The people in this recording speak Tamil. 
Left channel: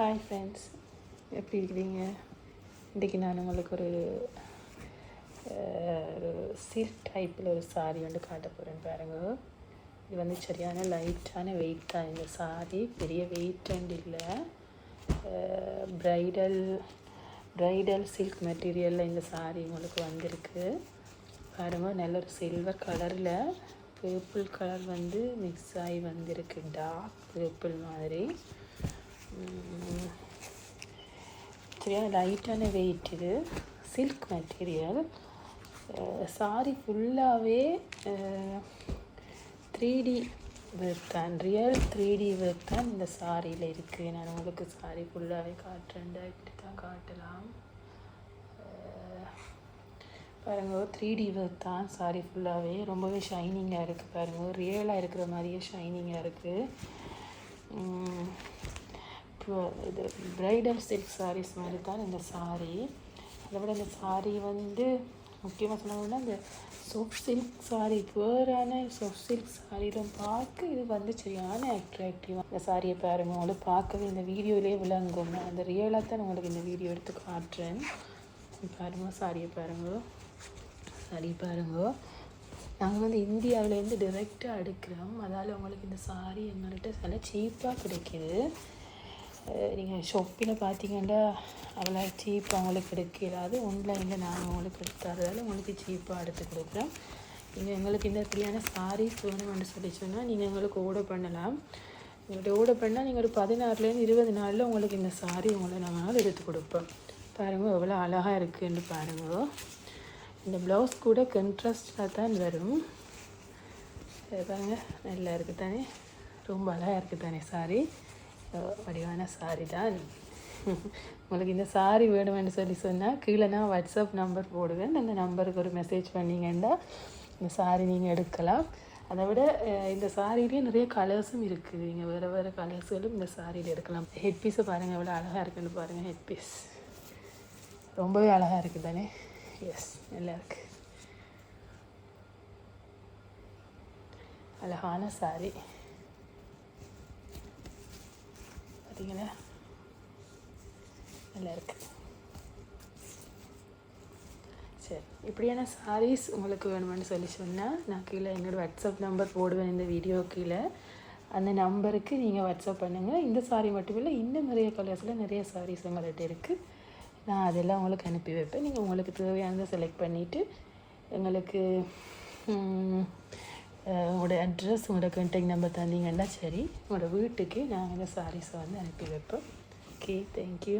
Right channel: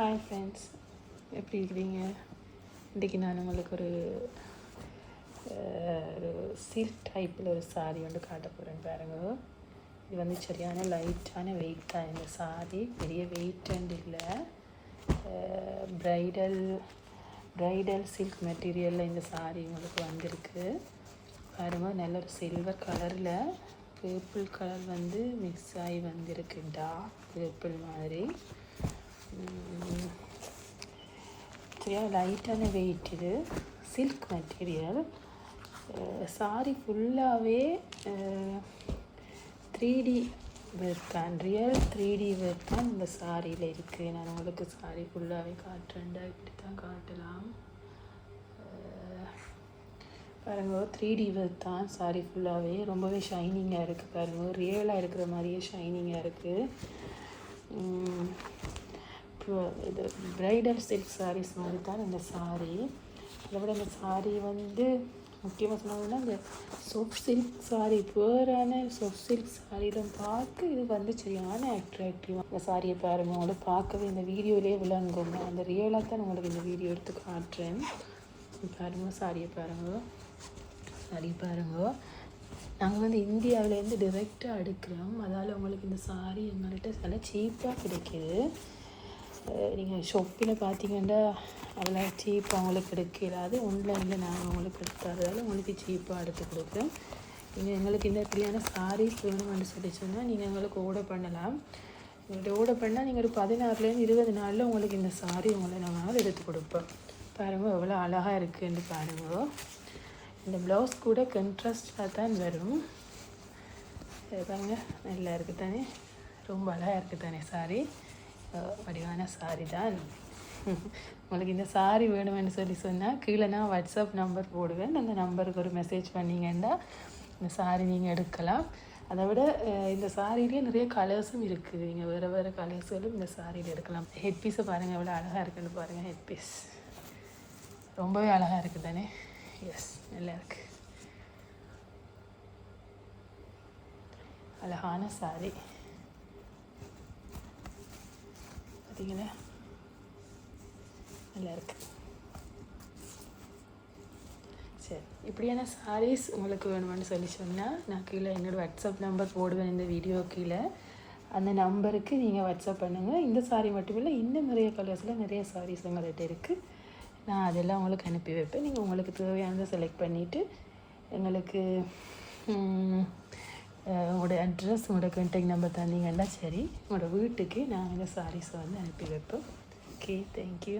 ஹாய் ஃப்ரெண்ட்ஸ், எப்படி இருக்கீங்க? இன்றைக்கி நான் உங்களுக்கு ஒரு சில்க் டைப்பில் ஒரு சாரி வந்து காட்ட போகிறேன் பாருங்க. இது வந்து சரியான லைட்டான வெயிட் தான். இந்த சாரி பெரிய வெயிட் வந்து இல்லை. ப்ரைடல் சில்க் மெட்டீரியலில் இந்த சாரி உங்களுக்கு வந்திருக்கு பாருங்க. நல்ல ஒரு சில்வர் கலரில் பர்பிள் கலர் வந்து மிக்ஸ் ஆகி வந்திருக்குண்டா, பர்பிள் மாதிரி. லைட்டான வெயிட். இது சில்க் மெட்டீரியல். சாரி ஃபுல்லாகவே 3D ஒர்க் தான், ரியல் 3D ஒர்க் தான் இந்த சாரியில் இருக்குது. நான் உங்களுக்கு சாரி ஃபுல்லாகவே காட்டுறேன், இப்படி தான் காட்டலாம். 3D ஒர்க் தான் சாரி ஃபுல்லாகவே. ரொம்பவே ஷைனிங்காக இருக்குது பாருங்கள், ரியலாக இருக்கிற மாதிரியே ஷைனிங்காக இருக்குது. இது ப்ரைடல் சில்க் சாரீஸ் மாதிரி தான் இந்த சாரீ. இதோட இந்த சாரீ வந்து முக்கியமாக சொன்னோம்னா இந்த சாஃப்ட் சில்க் சாரீ, பேரான சாஃப்ட் சில்க் சாரீ தான் பார்க்க இது வந்து சரியான அட்ராக்டிவாக. இந்த சாரியை பாருங்க, உங்களுக்கு பார்க்குறது இந்த வீடியோவிலே விளங்கும். அந்த ரியலாக தான் உங்களுக்கு இந்த வீடியோ எடுத்து காட்டுறேன். பாருங்க சாரியை பாருங்க, நாங்கள் வந்து இந்தியாவிலேருந்து டிரெக்டாக எடுக்கிறோம். அதால் உங்களுக்கு இந்த சாரீ எங்கள்கிட்ட நல்லா சீப்பாக கிடைக்கிது. நீங்கள் ஷாப்பில் பார்த்தீங்கன்னா அவ்வளோ சீப்பாக அவங்களுக்கு எடுக்கிறாது. ஆன்லைனில் நான் அவங்களுக்கு எடுக்காது, உங்களுக்கு சீப்பாக எடுத்து கொடுக்குறோம். நீங்கள் எங்களுக்கு இந்த மாதிரியான சாரீ சொல்லணும்னு சொல்லி சொன்னால் நீங்கள் எங்களுக்கு ஆர்டர் பண்ணலாம். எங்கள்கிட்ட ஆர்டர் பண்ணால் நீங்கள் ஒரு 16லேருந்து 20 நாளில் உங்களுக்கு இந்த சாரீ உங்களுக்கு நாங்கள் எடுத்து கொடுப்போம். பாருங்கள் எவ்வளோ அழகாக இருக்குதுன்னு பாருங்கள். இந்த ப்ளவுஸ் கூட கண்ட்ராஸ்டாக தான் வரும். பாருங்க, நல்லா இருக்குது தானே, ரொம்ப அழகாக இருக்குது தானே சாரீ. வடிவான சாரி தான். உங்களுக்கு இந்த சாரி வேணும்னு சொல்லி சொன்னால் கீழே நான் வாட்ஸ்அப் நம்பர் போடுவேன். அந்த நம்பருக்கு ஒரு மெசேஜ் பண்ணிங்கன்னா இந்த சாரி நீங்கள் எடுக்கலாம். அதை விட இந்த சாரியிலே நிறைய கலர்ஸும் இருக்குது. நீங்கள் வேறு வேறு கலர்ஸோடும் இந்த சாரியில் எடுக்கலாம். ஹெட் பீஸை பாருங்கள் எவ்வளோ அழகாக இருக்குது பாருங்கள். ஹெட் பீஸ் ரொம்பவே அழகாக இருக்குது தானே. எஸ், நல்லா இருக்குது, அழகான சாரி. நல்லா இருக்கு. சரி, இப்படியான சாரீஸ் உங்களுக்கு வேணும்னு சொல்லி சொன்னால் நான் கீழே என்னோடய வாட்ஸ்அப் நம்பர் போடுவேன் இந்த வீடியோ கீழே. அந்த நம்பருக்கு நீங்கள் வாட்ஸ்அப் பண்ணுங்கள். இந்த சாரீ மட்டும் இல்லை, இன்னும் நிறைய கலர்ஸில் நிறைய சாரீஸ் நம்மகிட்ட இருக்குது. நான் அதெல்லாம் உங்களுக்கு அனுப்பி வைப்பேன். நீங்கள் உங்களுக்கு தேவையானதை செலக்ட் பண்ணிவிட்டு எங்களுக்கு உங்களோட அட்ரஸ், உங்களோட கான்டாக்ட் நம்பர் தந்தீங்கன்னா சரி, உங்களோட வீட்டுக்கு நாங்கள் சாரீஸை வந்து அனுப்பி வைப்போம். Okay, thank you.